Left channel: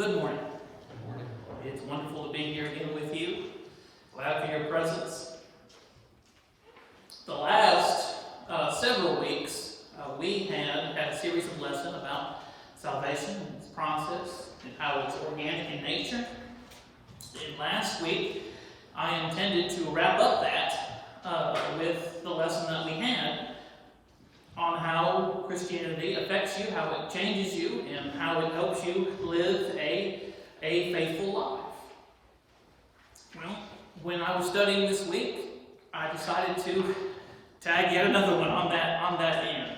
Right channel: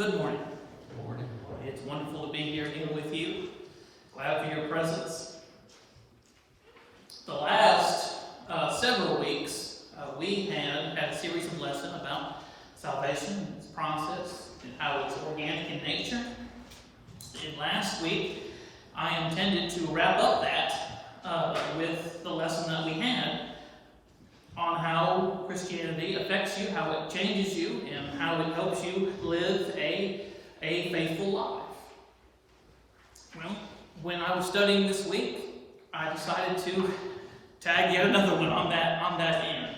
Good morning. Good morning. It's wonderful to be here again with you. Glad for your presence. The last several weeks, we had a series of lessons about salvation and its process and how it's organic in nature. And last week, I intended to wrap up that with the lesson that we had on how Christianity affects you, how it changes you, and how it helps you live a faithful life. Well, when I was studying this week, I decided to tag yet another one on that end.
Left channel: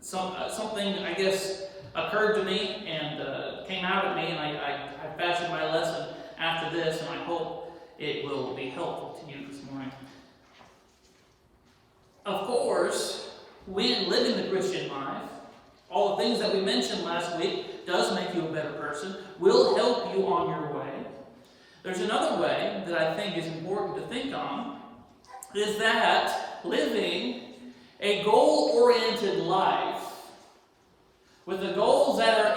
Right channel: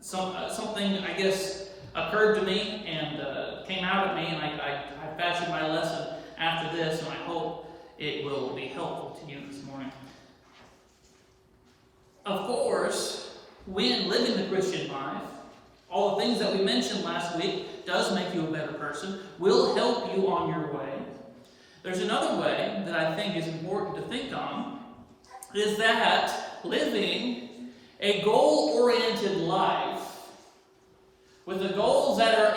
Something, I guess, occurred to me and came out at me, and I fashioned my lesson after this, and I hope it will be helpful to you this morning. Of course, when living the Christian life, all the things that we mentioned last week does make you a better person, will help you on your way. There's another way that I think is important to think on, is that living a goal-oriented life with the goals that are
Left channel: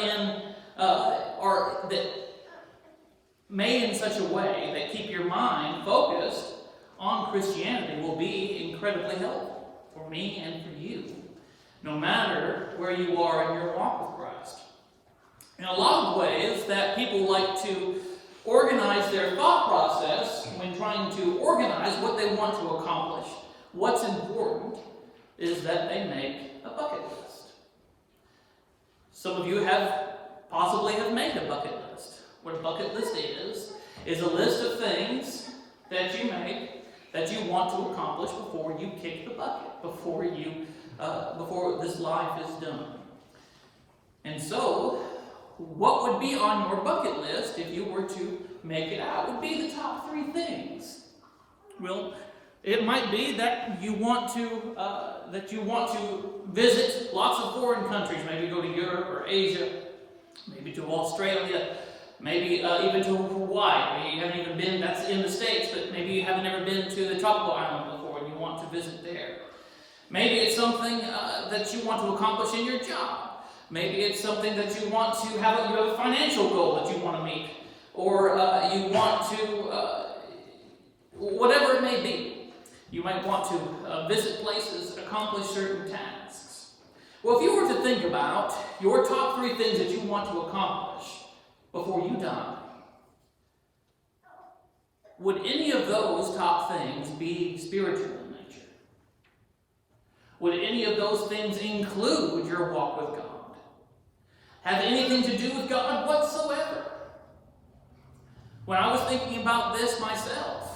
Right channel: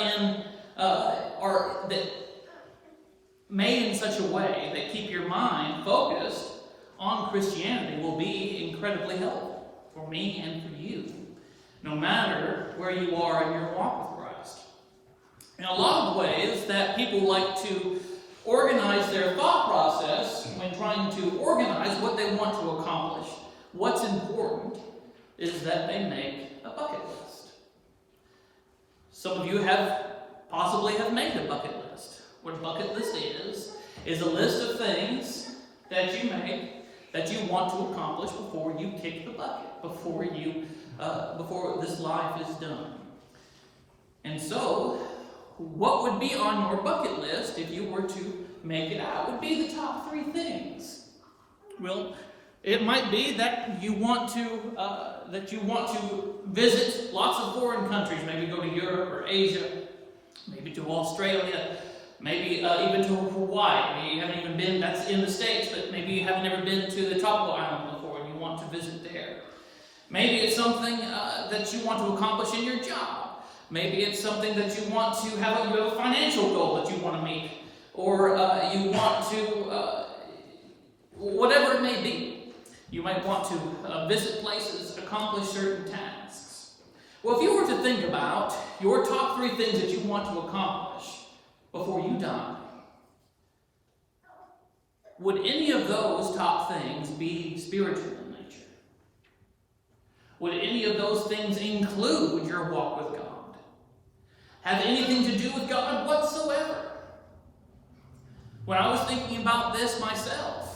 made in such a way that keep your mind focused on Christianity will be incredibly helpful for me and for you, no matter where you are in your walk with Christ. In a lot of ways that people like to organize their thought process when trying to organize what they want to accomplish, what's important is that they make a bucket list. Some of you possibly have made a bucket list. What a bucket list is a list of things that you make that you want to accomplish before you kick the bucket, before this life is done. And so, what would be on your bucket list if you were to make it out? Would be the top 3 things. Well, it might be that you want to visit lots of foreign countries, maybe go to Europe or Asia, maybe to Australia, maybe even to Hawaii. Maybe you haven't even been, that's in the States, but maybe you haven't ever been to the tropical island before and you want to visit there. Maybe it's something that you want to accomplish in your job. Maybe it's something that you want to have, you have a financial goal that you want to meet, or you want to, whatever it may be. You might want to visit places, accomplish certain tasks. Well, if you were to think about your top 3 things that you want to accomplish before you die, would any of those top things be spiritual in nature? Would any of those things include your walk with God? Have anything to do with God whatsoever? When I was thinking about this myself,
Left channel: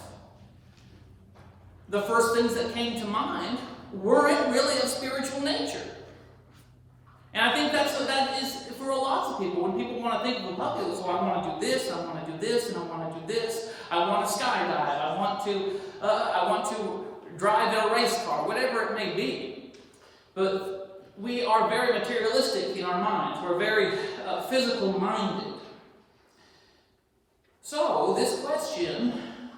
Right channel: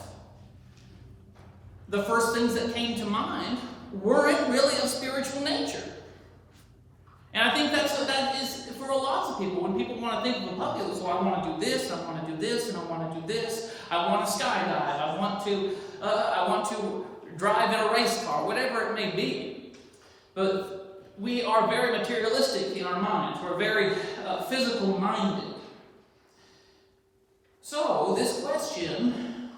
the first things that came to mind weren't really of spiritual nature. And I think that is for lots of people. When people want to think of a bucket list, well, I want to do this, I want to do this, and I want to do this. I want to skydive. I want to drive in a race car, whatever it may be. But we are very materialistic in our minds. We're very physical minded. So this question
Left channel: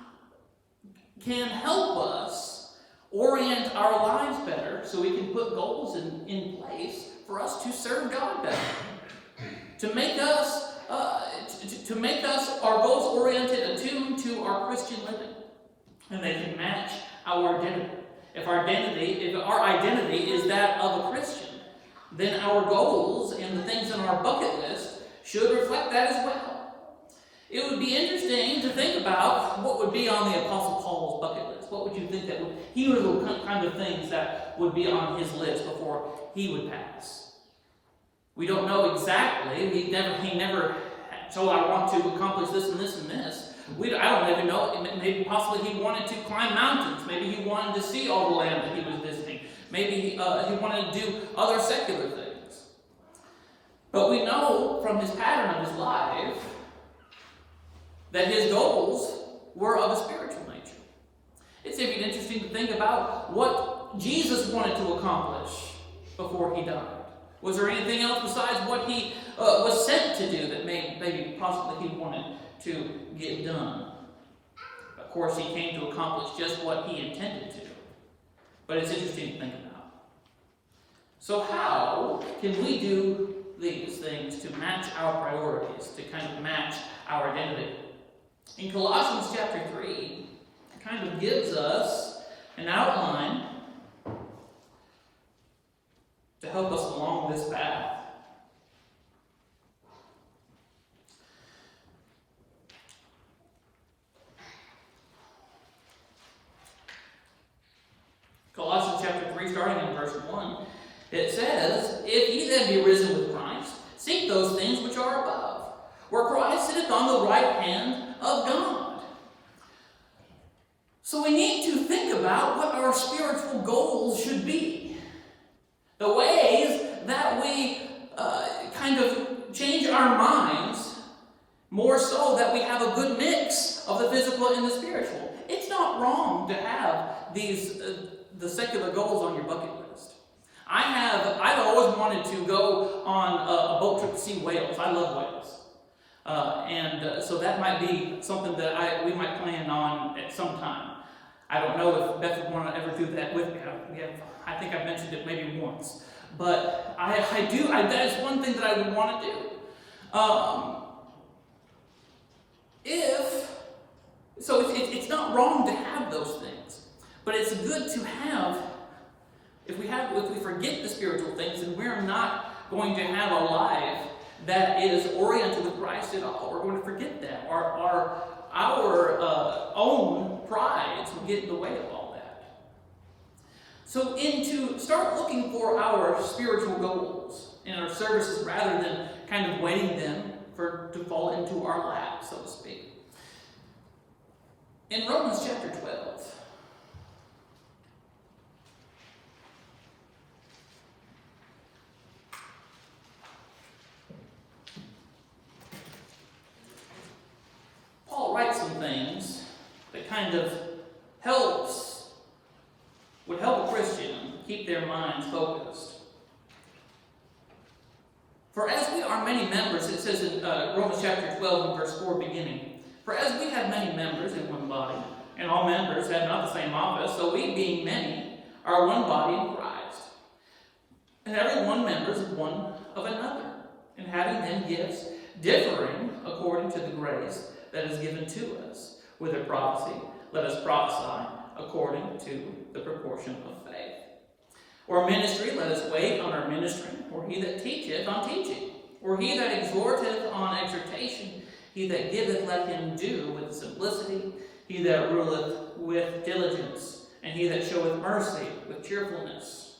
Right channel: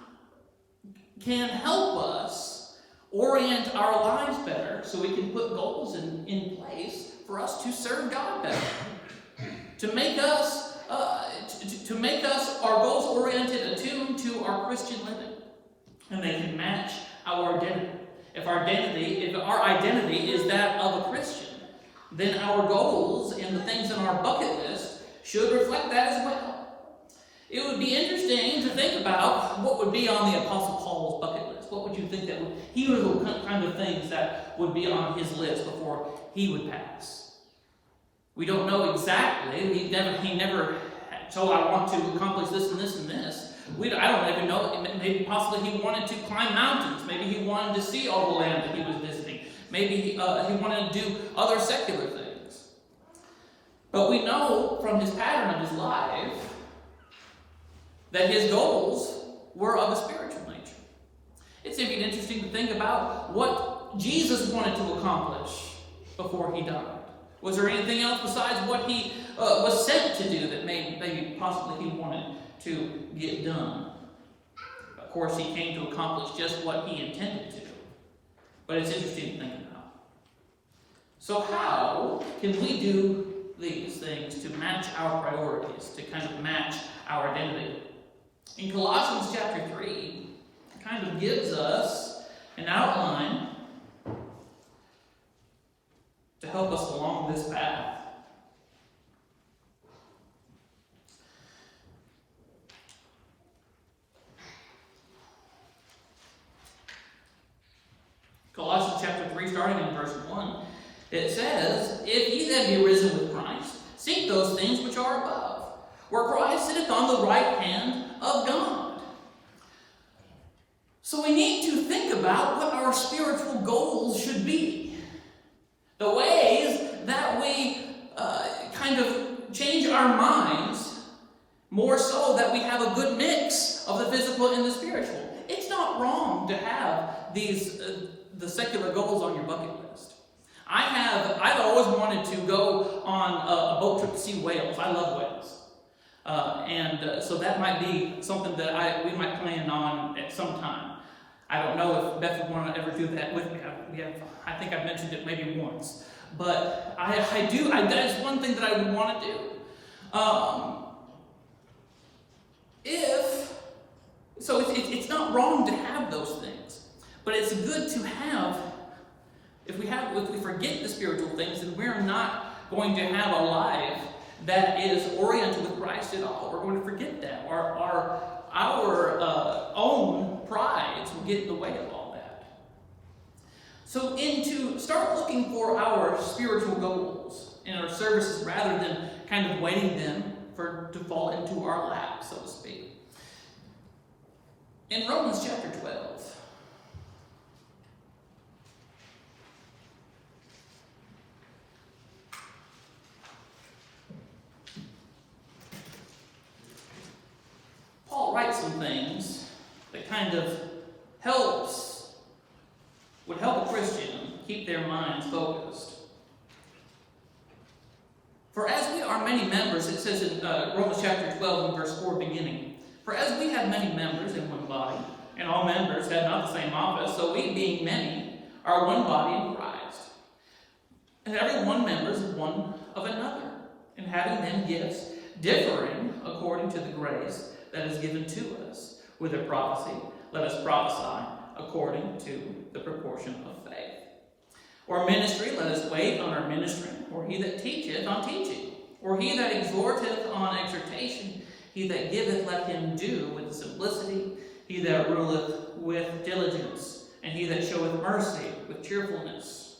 can help us orient our lives better so we can put goals in place for us to serve God better, to make us our goals oriented, attuned to our Christian living, and they can match our identity. If our identity is that of a Christian, then our goals and the things in our bucket list should reflect that as well. It would be interesting to think about what would be on the Apostle Paul's bucket list. What would you think he were the kind of things that would be on his list before he would pass? We don't know exactly. He never. So I want to accomplish this and this and this. I don't even know. Maybe possibly he wanted to climb mountains. Maybe he wanted to see all the land that he was visiting. Maybe he wanted to do other secular things. But we know from his pattern of his life that his goals were of a spiritual nature. It's even interesting to think about what Jesus wanted to accomplish before he died. Was there anything else besides what he was sent to do that maybe possibly he wanted to get done? Of course, he came to accomplish just what he intended to. But it's interesting to think about. So how can we do these things to match our priorities, to kind of match our identity. In Colossians chapter 3, it kind of gives us an outline to help us along this path. Colossians chapter 3, starting in verse 1, it says, "If ye then be risen with Christ, seek those things which are above, where Christ sitteth on the right hand of God." So we need to think about what our spiritual goals should be. The ways that we kind of change our minds more so that we have a good mix of the physical and the spiritual. It's not wrong to have these the secular goals on your bucket list. I've always wanted to go on a boat trip to see whales. I love whales. So that might be something that we might plan on at some time. I don't know if Beth would want to ever do that with me. I think I've mentioned it maybe once. But that's one thing that I would want to do. It's not wrong to have those things. But it's good to have, if we forget the spiritual things, then we're not going to have a life that is oriented with Christ at all. We're going to forget that. Our own prides will get in the way of all that. So to start looking for our spiritual goals in our services rather than kind of waiting them to fall into our lap, so to speak. In Romans chapter 12, Paul writes some things that kind of would help a Christian keep their minds focused. "For as we are many members," it says in Romans chapter 12 and verse 4 beginning, "For as we have many members in one body, and all members have not the same office, so we, being many, are one body in Christ. And every one member is one of another, and having then gifts differing according to the grace that is given to us. Whether prophecy, let us prophesy according to the proportion of faith. Or ministry, let us wait on our ministry. Or he that teacheth on teaching. Or he that exhorteth on exhortation. He that giveth, let him do with simplicity. He that ruleth with diligence. And he that showeth mercy with cheerfulness."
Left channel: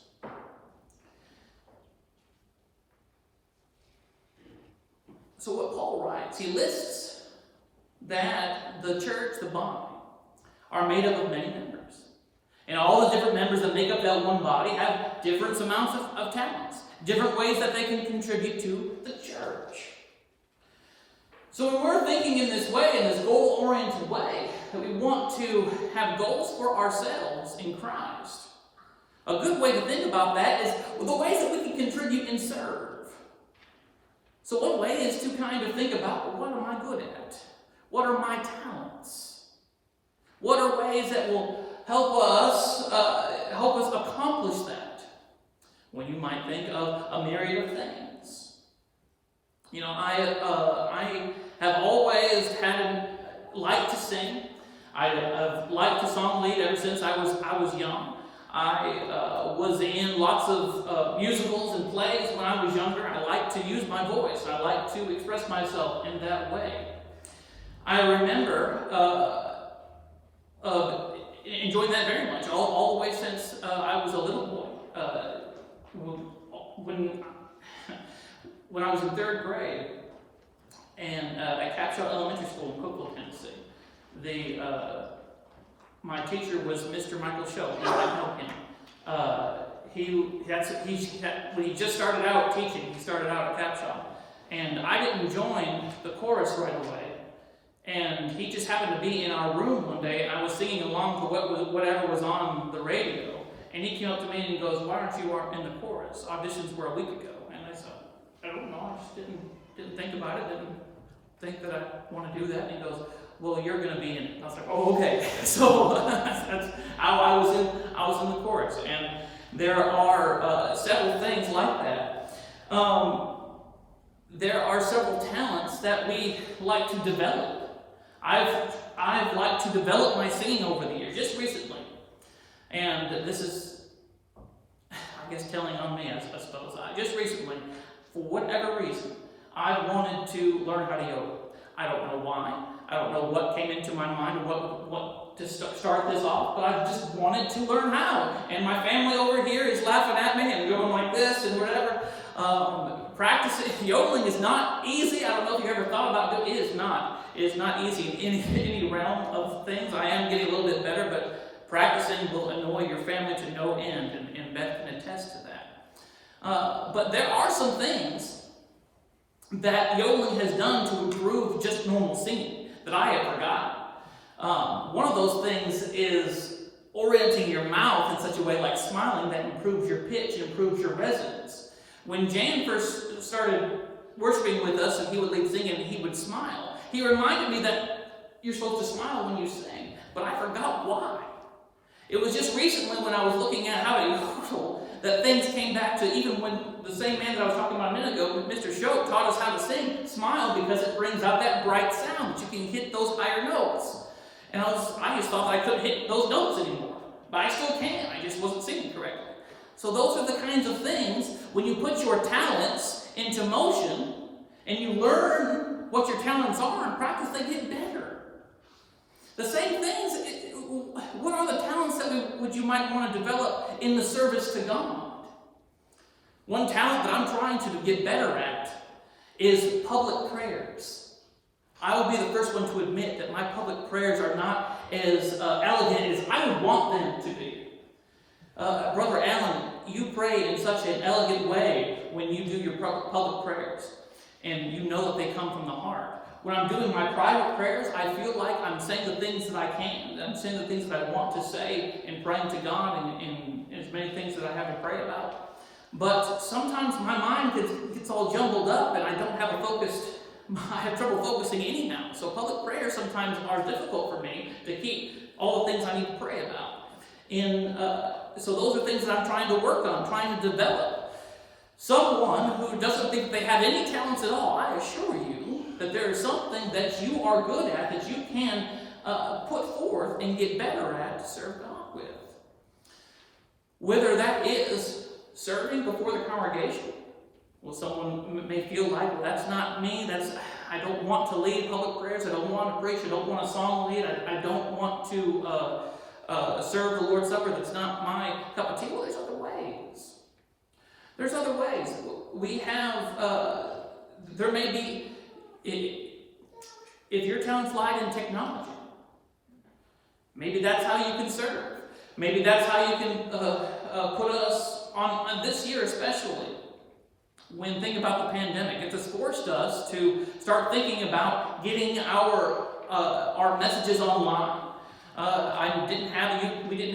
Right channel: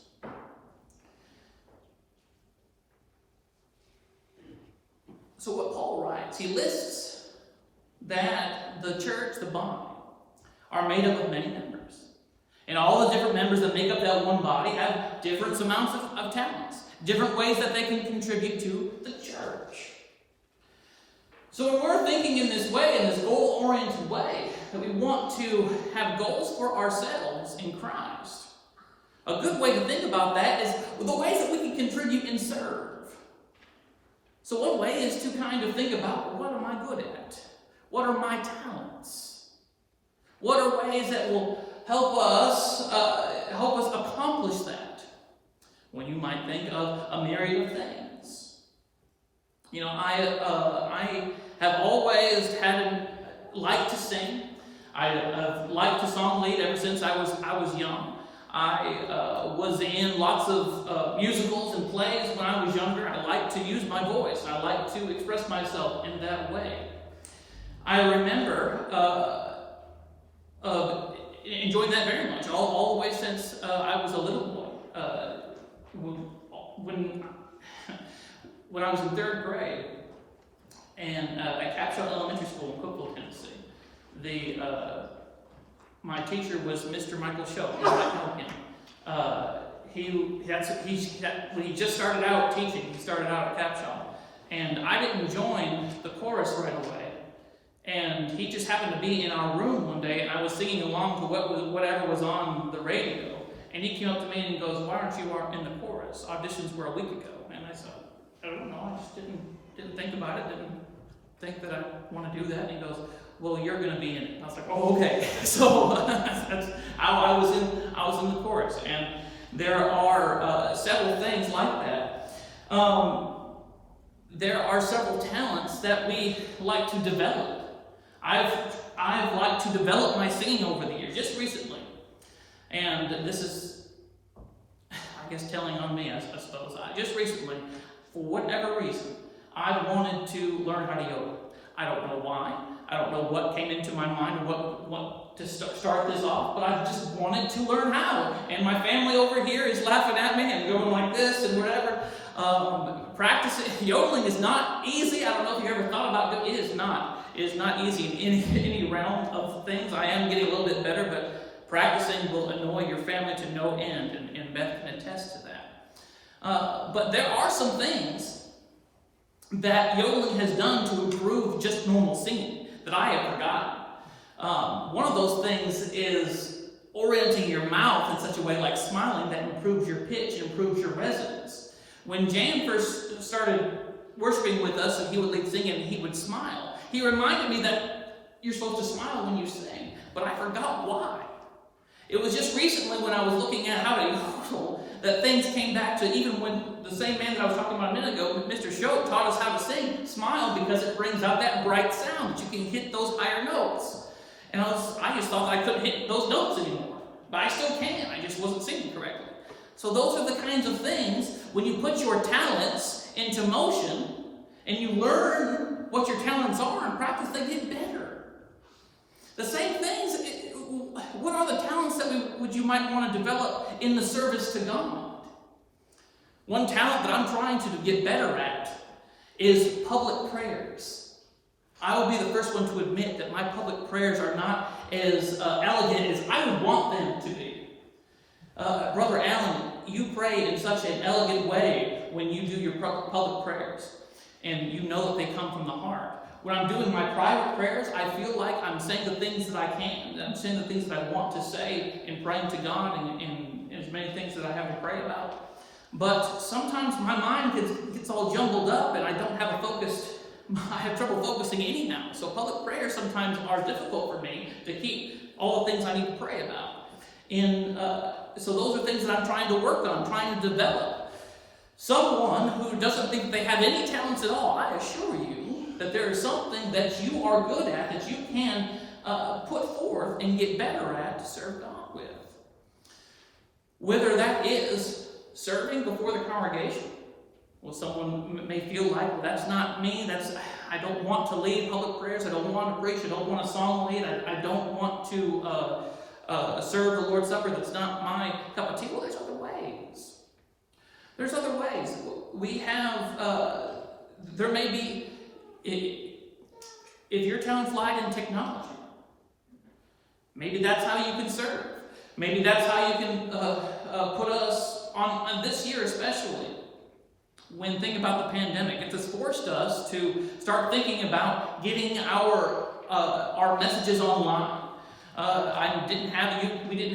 So what Paul writes, he lists that the church, the body, are made up of many members. And all the different members that make up that one body have different amounts of talents, different ways that they can contribute to the church. So when we're thinking in this way, in this goal-oriented way, that we want to have goals for ourselves in Christ, a good way to think about that is the ways that we can contribute and serve. So one way is to kind of think about, what am I good at? What are my talents? What are ways that will help us accomplish that? When you might think of a myriad of things. You know, I have always liked to sing. I've liked to song lead ever since I was young. I was in lots of musicals and plays when I was younger. I liked to use my voice. I liked to express myself in that way. I remember enjoying that very much, all the way since I was a little boy. When I was in 3rd grade, and at Capshaw Elementary School in Cookville, Tennessee, my teacher was Mr. Michael Schultz. You might know him. When he just started out teaching, he started out at Capshaw, and I didn't join the chorus right away. And he just happened to be in our room one day, and I was singing along to whatever was on the radio. And he came up to me and he goes, "Why aren't you in the chorus? Auditions were a week ago." And I said, "I don't know. I just didn't think about it. Didn't think that I want to do that." And he goes, "Well, you're going to be in it." I was like, "Oh, okay." So that's how I was in the chorus, and there are several things like that. there are several talents that we like to develop. I've liked to develop my singing over the years, just recently. And this is, I guess, telling on me, I suppose. Just recently, for whatever reason, I wanted to learn how to yoga. I don't know why. I don't know what came into my mind or what to start this off, but I just wanted to learn how. And my family over here is laughing at me and going like this and whatever. Practicing yodeling is not easy. I don't know if you ever thought about it. It is not. It is not easy in any realm of things. I am getting a little bit better, but practicing will annoy your family to no end, and Beth can attest to that. But there are some things that yodeling has done to improve just normal singing that I have forgotten. One of those things is orienting your mouth in such a way, like smiling, that improves your pitch and improves your resonance. When Jan first started worshiping with us and he would lead singing and he would smile, he reminded me that you're supposed to smile when you sing, but I forgot why. It was just recently when I was looking at how to yodel that things came back to, even when the same man that I was talking about a minute ago, Mr. Shote, taught us how to sing. Smile, because it brings out that bright sound that you can hit those higher notes. And I just thought I couldn't hit those notes anymore. But I still can. I just wasn't singing correctly. So those are the kinds of things, when you put your talents into motion and you learn what your talents are and practice, they get better. The same things, what are the talents that you might want to develop in the service to God? One talent that I'm trying to get better at is public prayers. I will be the first one to admit that my public prayers are not as elegant as I would want them to be. Brother Allen, you pray in such an elegant way when you do your public prayers, and you know that they come from the heart. When I'm doing my private prayers, I feel like I'm saying the things that I can. I'm saying the things that I want to say and praying to God in as many things that I have to pray about. But sometimes my mind gets all jumbled up and I don't have I have trouble focusing anyhow. So public prayers sometimes are difficult for me to keep all the things I need to pray about. So those are things that I'm trying to work on, trying to develop. Someone who doesn't think they have any talents at all, I assure you that there is something that you are good at, that you can put forth and get better at to serve God with. Whether that is serving before the congregation. Well, someone may feel like, well, that's not me. I don't want to lead public prayers. I don't want to preach. I don't want a song lead. I don't want to serve the Lord's Supper. That's not my cup of tea. Well, there's other ways. There's other ways. We have, there may be, if your talents lied in technology, maybe that's how you can serve. Maybe that's how you can put us on this year especially. When thinking about the pandemic, it has forced us to start thinking about getting our messages online. We didn't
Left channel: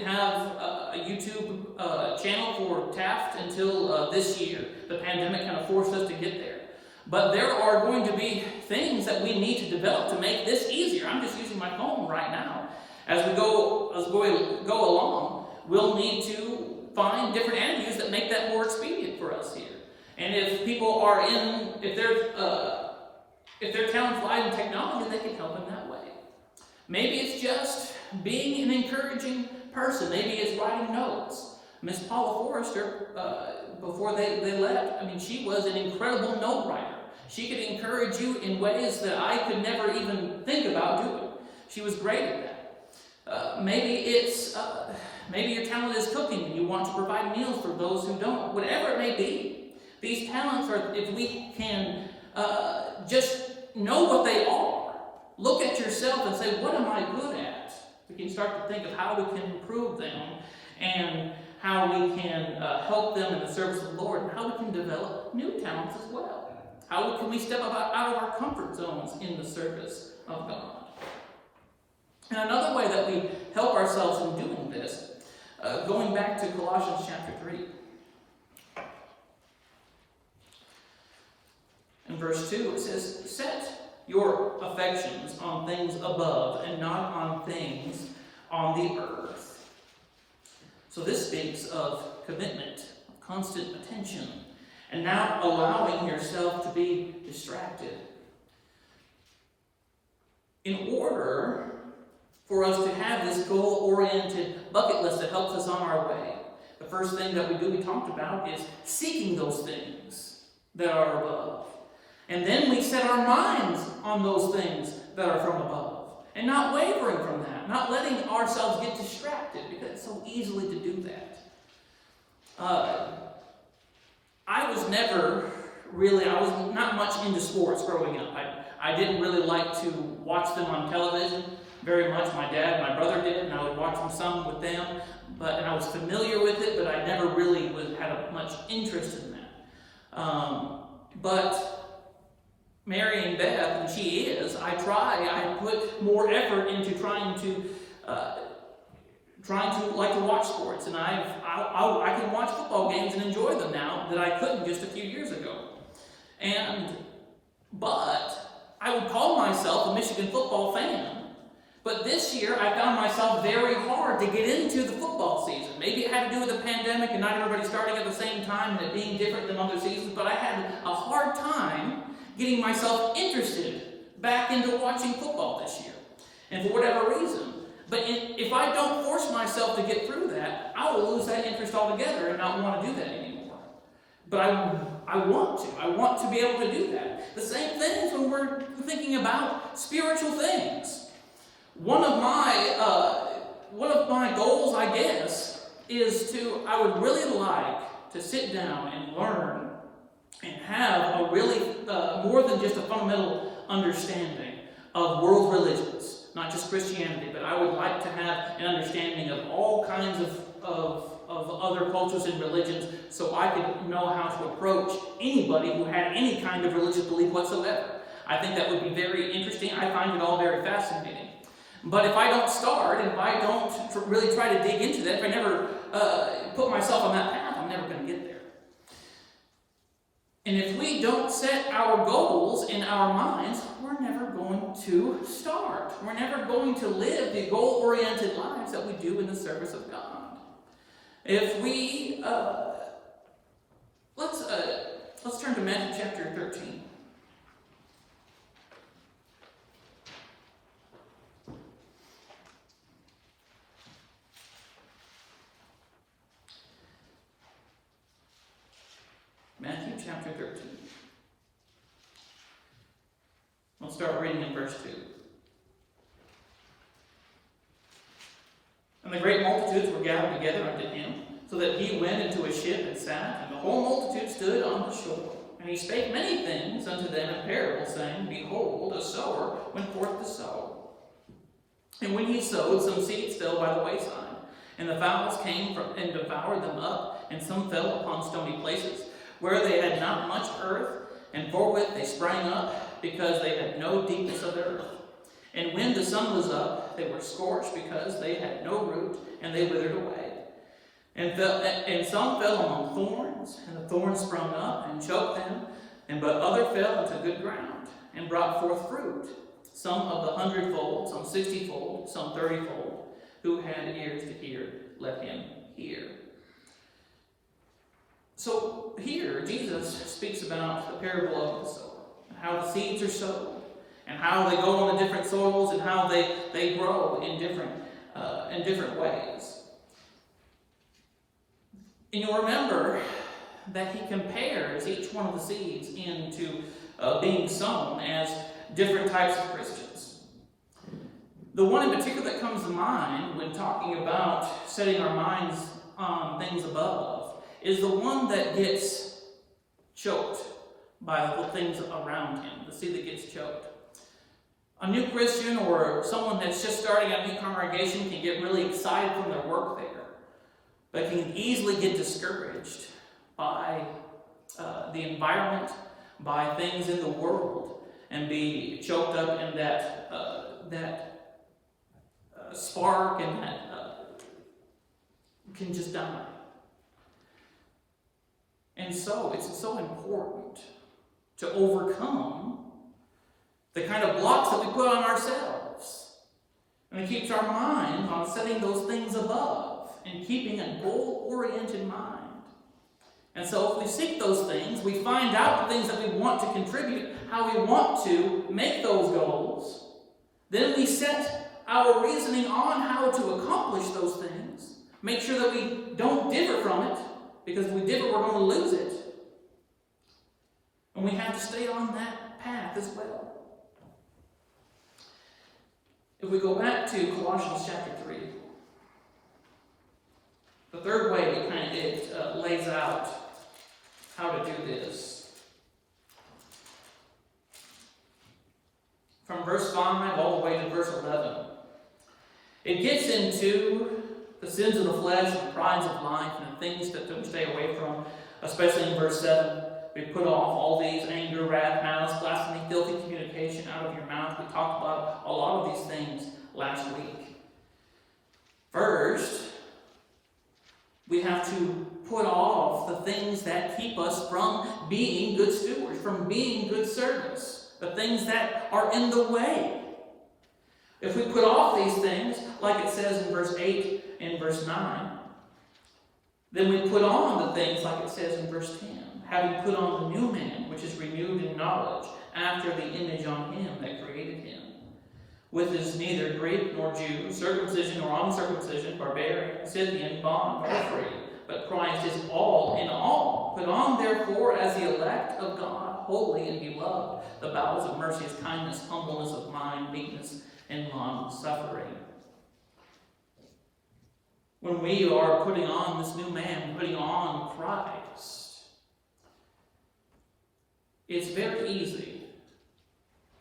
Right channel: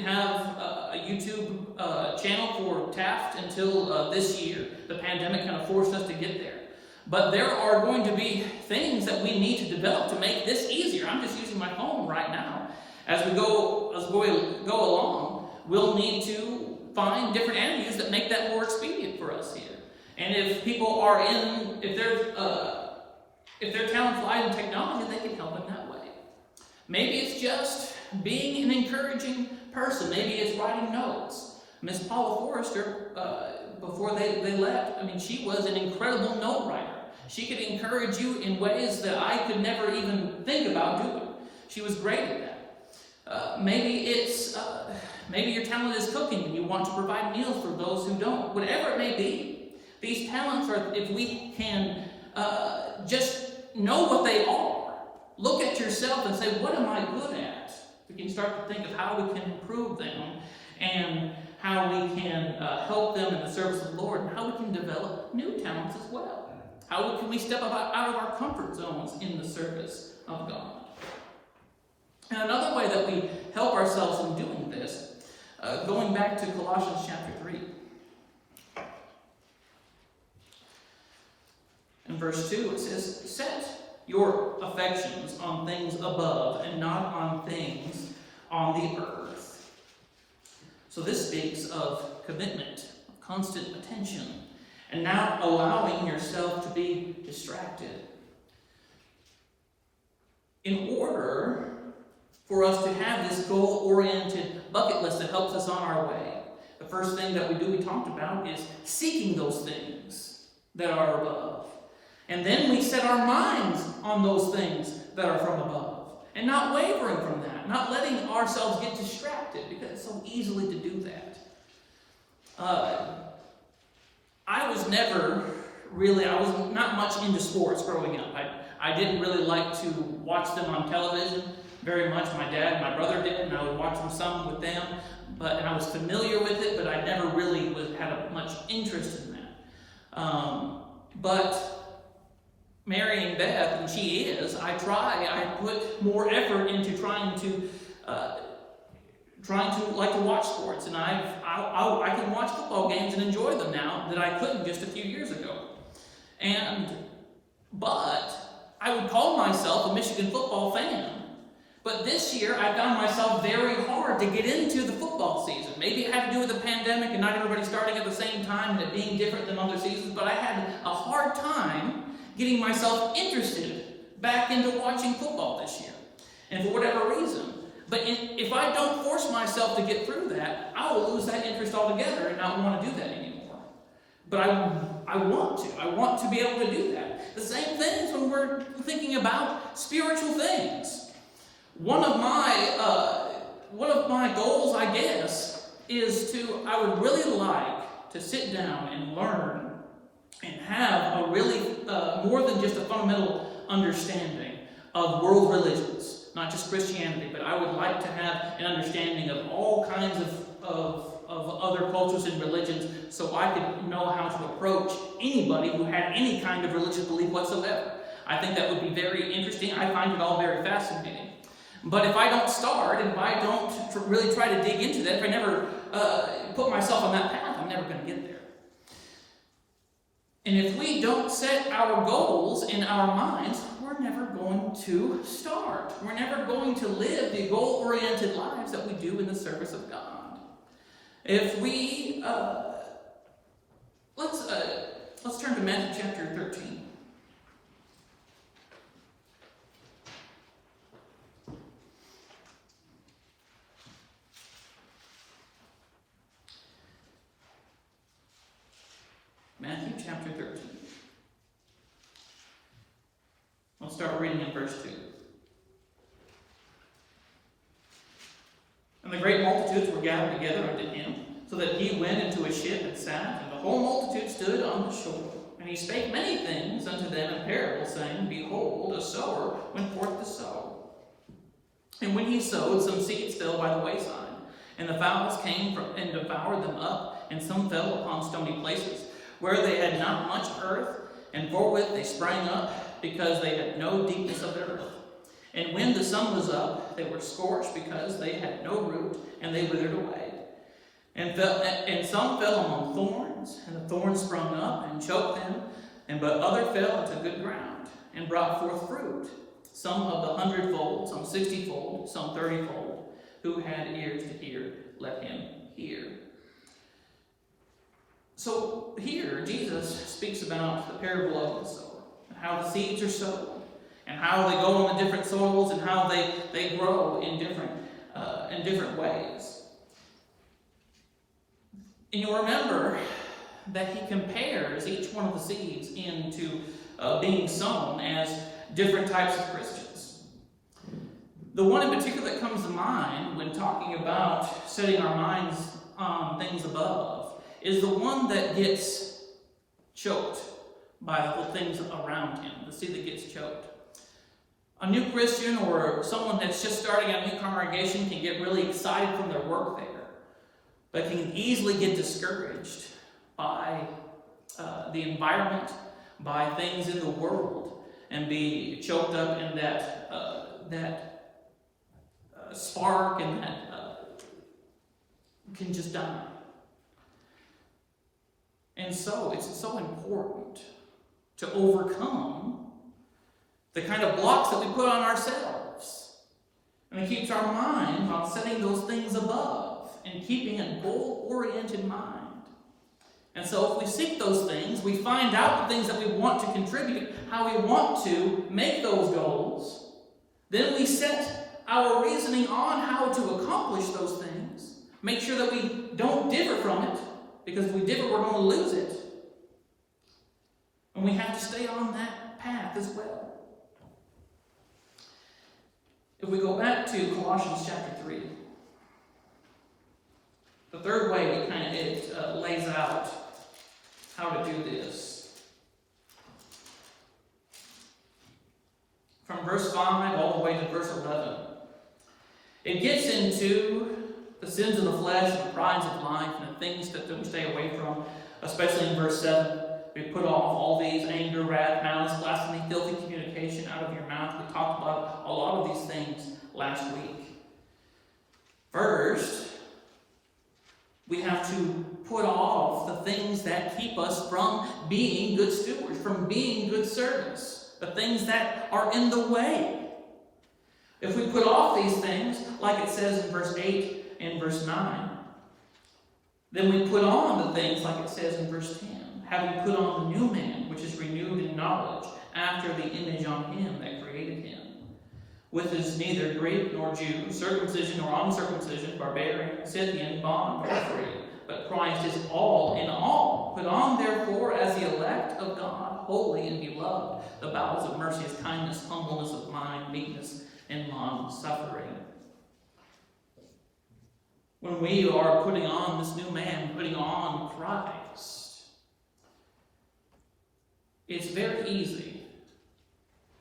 have a YouTube channel for Taft until this year. The pandemic kind of forced us to get there. But there are going to be things that we need to develop to make this easier. I'm just using my phone right now. As we go along, we'll need to find different avenues that make that more expedient for us here. And if people are if their talents lie in technology, they can help in that way. Maybe it's just being an encouraging person. Maybe it's writing notes. Miss Paula Forrester, before they left, she was an incredible note writer. She could encourage you in ways that I could never even think about doing. She was great at that. Maybe your talent is cooking and you want to provide meals for those who don't. Whatever it may be, these talents are, if we can just know what they are, look at yourself and say, what am I good at? We can start to think of how we can improve them and how we can help them in the service of the Lord, and how we can develop new talents as well. How can we step out of our comfort zones in the service of God? And another way that we help ourselves in doing this, going back to Colossians chapter 3. In verse 2 it says, set your affections on things above and not on things on the earth. So this speaks of commitment, constant attention, and not allowing yourself to be distracted. In order for us to have this goal-oriented bucket list that helps us on our way, the first thing that we talked about, is seeking those things that are above. And then we set our minds on those things that are from above. And not wavering from that, not letting ourselves get distracted, because it's so easily to do that. I was not much into sports growing up. I didn't really like to watch them on television very much. My dad and my brother did, and I would watch them some with them. And I was familiar with it, but I never really had much interest in that. But marrying Beth, and she is, I put more effort into trying to like to watch sports, and I can watch football games and enjoy them now that I couldn't just a few years ago. But I would call myself a Michigan football fan. But this year, I found myself very hard to get into the football season. Maybe it had to do with the pandemic and not everybody starting at the same time and it being different than other seasons, but I had a hard time getting myself interested back into watching football this year. And for whatever reason. But if I don't force myself to get through that, I will lose that interest altogether and not want to do that anymore. But I want to. I want to be able to do that. The same thing when we're thinking about spiritual things. One of my goals, I guess, is I would really like to sit down and learn and have a really, more than just a fundamental understanding of world religions, not just Christianity, but I would like to have an understanding of all kinds of other cultures and religions, so I could know how to approach anybody who had any kind of religious belief whatsoever. I think that would be very interesting. I find it all very fascinating. But if I don't start, and if I don't really try to dig into that, if I never put myself on that path, I'm never going to get there. And if we don't set our goals in our minds, we're never going to start. We're never going to live the goal-oriented lives that we do in the service of God. If we, let's turn to Matthew chapter 13. Matthew chapter 13. I'll start reading in verse 2. And the great multitudes were gathered together unto him, so that he went into a ship and sat, and the whole multitude stood on the shore. And he spake many things unto them in parables, saying, Behold, a sower went forth to sow. And when he sowed, some seeds fell by the wayside, and the fowls came and devoured them up, and some fell upon stony places, where they had not much earth, and forthwith they sprang up, because they had no deepness of the earth. And when the sun was up, they were scorched, because they had no root, and they withered away. And some fell among thorns, and the thorns sprung up and choked them, but other fell into good ground, and brought forth fruit, some of the 100-fold, some 60-fold, some 30-fold. Who had ears to hear, let him hear. So here, Jesus speaks about the parable of the sower, and how the seeds are sown, and how they go on the different soils, and how they grow in different ways. And you'll remember that he compares each one of the seeds into being sown as different types of Christians. The one in particular that comes to mind when talking about setting our minds on things above is the one that gets choked by the things around him, the seed that gets choked. A new Christian or someone that's just starting a new congregation can get really excited from their work there, but can easily get discouraged by the environment, by things in the world, and be choked up in that spark, and that can just die. And so it's so important to overcome the kind of blocks that we put on ourselves. And it keeps our mind on setting those things above and keeping a goal-oriented mind. And so if we seek those things, we find out the things that we want to contribute, how we want to make those goals, then we set our reasoning on how to accomplish those things. Make sure that we don't differ from it, because if we differ, we're going to lose it. And we have to stay on that path as well. If we go back to Colossians chapter 3, the third way it lays out how to do this. From verse 5 all the way to verse 11. It gets into the sins of the flesh, the prides of life, and the things that we stay away from, especially in verse 7. We put off all these: anger, wrath, malice, blasphemy, filthy communication out of your mouth. We talked about a lot of these things last week. First, we have to put off the things that keep us from being good stewards, from being good servants, the things that are in the way. If we put off these things, like it says in verse 8 and verse 9, then we put on the things like it says in verse 10, having put on the new man, which is renewed in knowledge, after the image on him that created him, which is neither Greek nor Jew, circumcision nor uncircumcision, barbarian, Scythian, bond or free, but Christ is all in all. Put on, therefore, as the elect of God, holy and beloved, the bowels of mercy, is kindness, humbleness of mind, meekness, and long-suffering. When we are putting on this new man, putting on Christ, it's very easy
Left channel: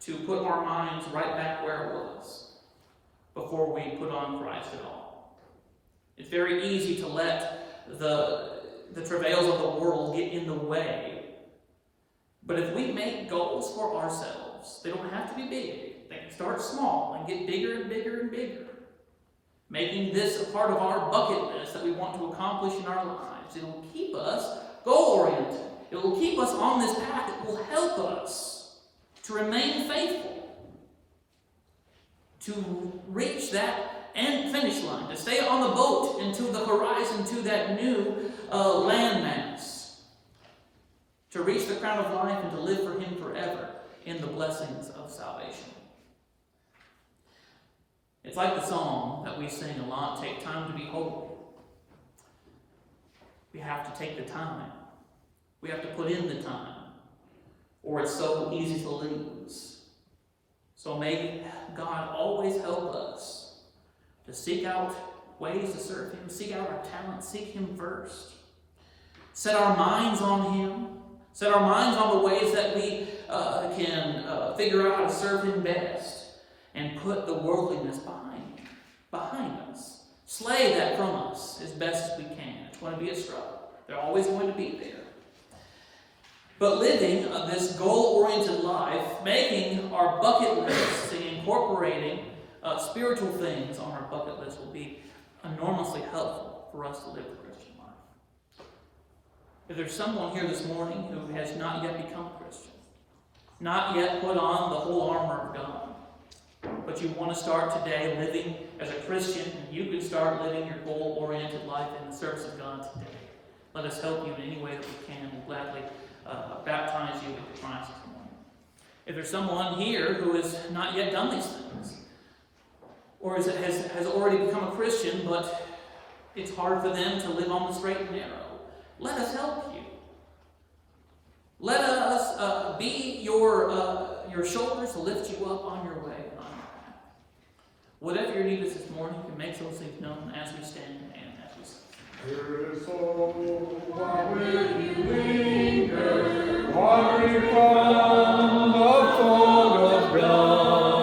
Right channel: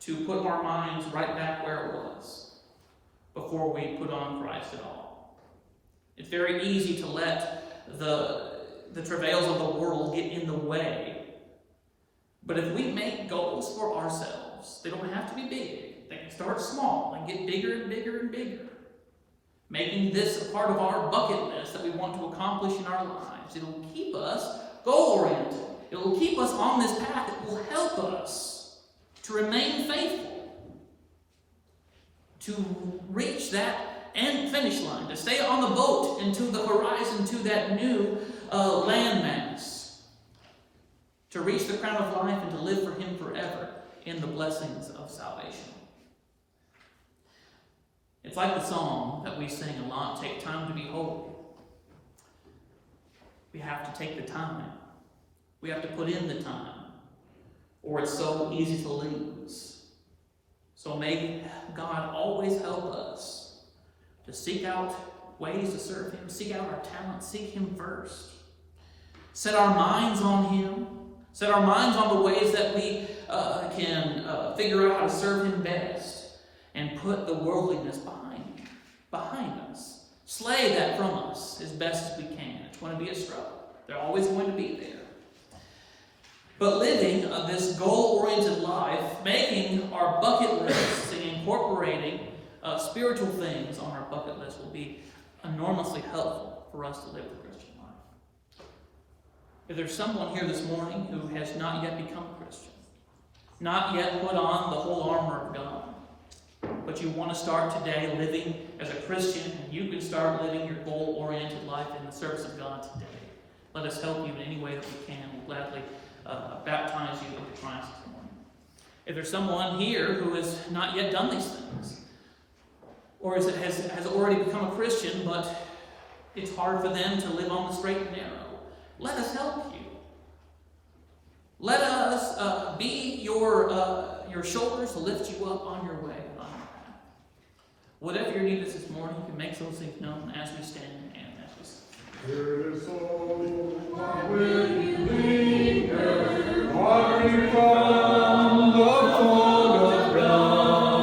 to put our minds right back where it was before we put on Christ at all. It's very easy to let the travails of the world get in the way. But if we make goals for ourselves, they don't have to be big. They can start small and get bigger and bigger and bigger. Making this a part of our bucket list that we want to accomplish in our lives. It'll keep us goal-oriented. It will keep us on this path. It will help us to remain faithful, to reach that end finish line, to stay on the boat into the horizon, to that new landmass, to reach the crown of life and to live for Him forever in the blessings of salvation. It's like the song that we sing a lot, take time to be holy. We have to take the time. We have to put in the time, or it's so easy to lose. So may God always help us to seek out ways to serve Him, seek out our talents, seek Him first. Set our minds on Him. Set our minds on the ways that we can figure out how to serve Him best. And put the worldliness behind us. Slay that from us as best as we can. It's going to be a struggle. They're always going to be there. But living this goal-oriented life, making our bucket lists and incorporating spiritual things on our bucket list will be enormously helpful for us to live the Christian life. If there's someone here this morning who has not yet become a Christian, not yet put on the whole armor of God, but you want to start today living as a Christian, and you can start living your goal-oriented life in the service of God today. Let us help you in any way that we can. We'll gladly baptize you into Christ this morning. If there's someone here who has not yet done these things, or has already become a Christian, but it's hard for them to live on the straight and narrow, let us help you. Let us be your shoulders to lift you up on your way, on your path. Whatever your need is this morning, you can make those things known as we stand and as we sing. Dear soul, why will you linger, wandering from